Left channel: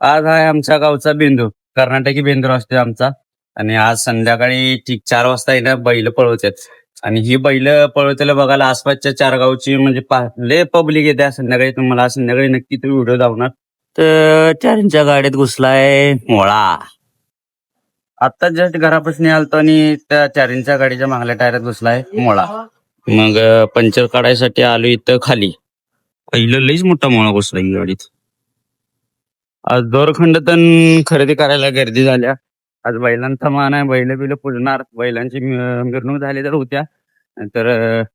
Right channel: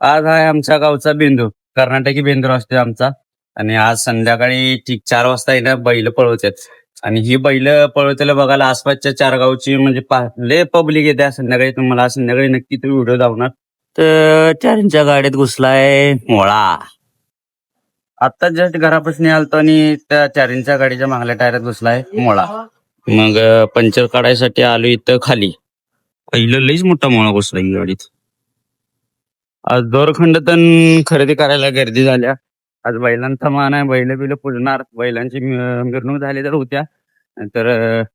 आज आहे आमच्या गावचा बेंदूर, कर्नाटकी बेंदूर असतो आमचा. आणि आज संध्याकाळी ठीक 4 वाजता इथं बैल पळवतात. आणि ही बैल पळवतेला बघायला आसपासच्या 4 गावची म्हणजे लय पब्लिक येते संध्याकाळी. तुम्हाला संध्याकाळी नक्की तो व्हिडिओ दाखवणार. तर चारींच्या गाडीत घुसलाय मोळा. आता जस्ट घरापासून आलतो आणि त्या चारींच्या गाडीच्या मागल्या टायरात घुसलाय मोळा. मग पंचर काढायसाठी आलो इथं खाली. पहिलं लईच मोठा मोळा घुसला ही गाडीत. आज दोरखंड तण खरेदी करायला गर्दी झाल्या. आज बैलांचा मान आहे, बैल बिल पुजणार, बैलांची मिरवणूक झाली तर होत्या. तर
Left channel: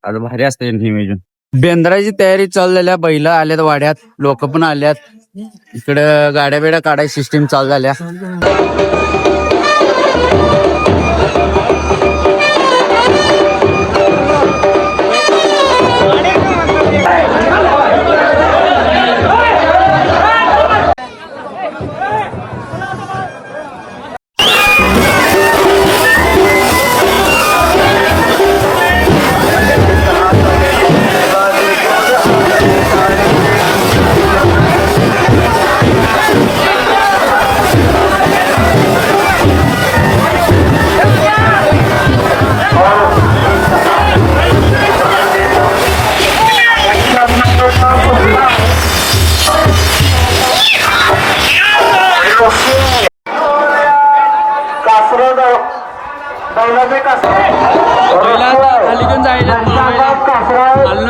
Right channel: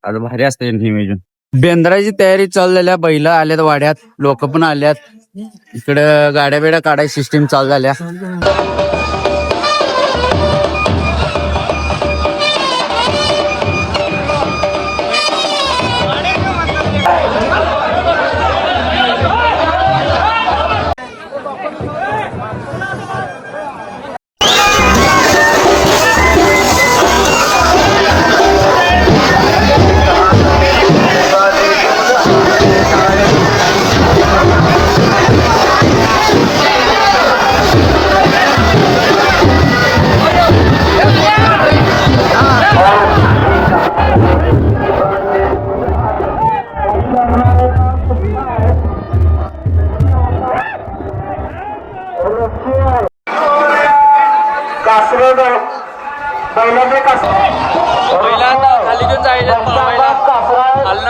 आज भारी असते नियोजन. बेंद्राची तयारी चालू झाल्या, बैल आल्यात वाड्यात, लोक पण आल्यात. इकडं गाड्या बिड्या काढायची सिस्टीम चालू झाल्या.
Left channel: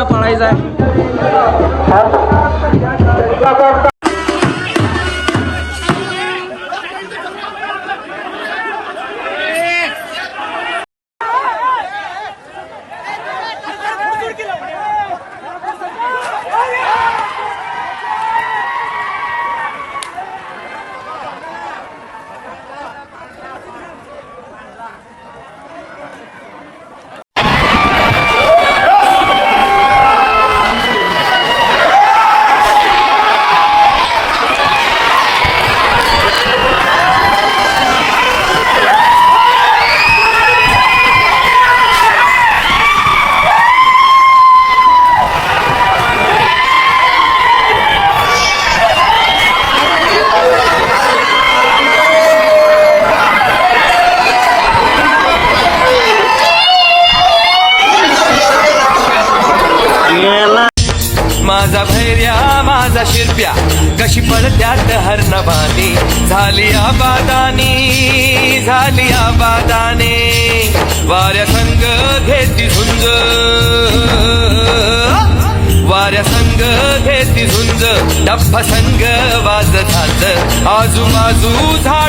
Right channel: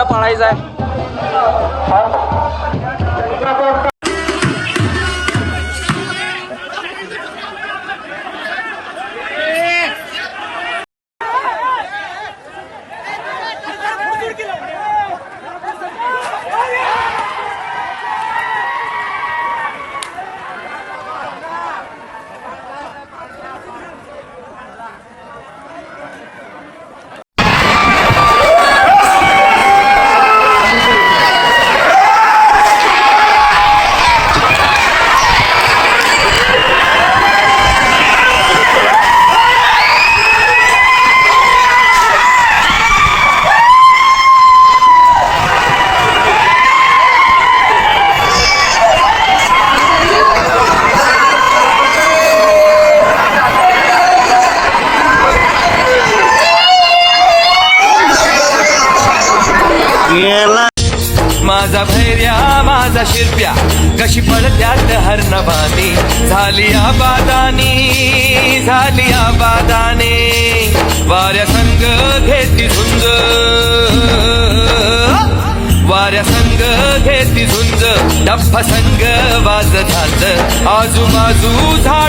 पळायचा माझा भैर्या माझा शिरप्या कशी पडत्यात हरणबानी. झाली आबादानी वाऱ्या संग घेती झुंज, वाऱ्या संग घेती झुंज. डप्पा संग वाज झालं आजूबाजू झाड.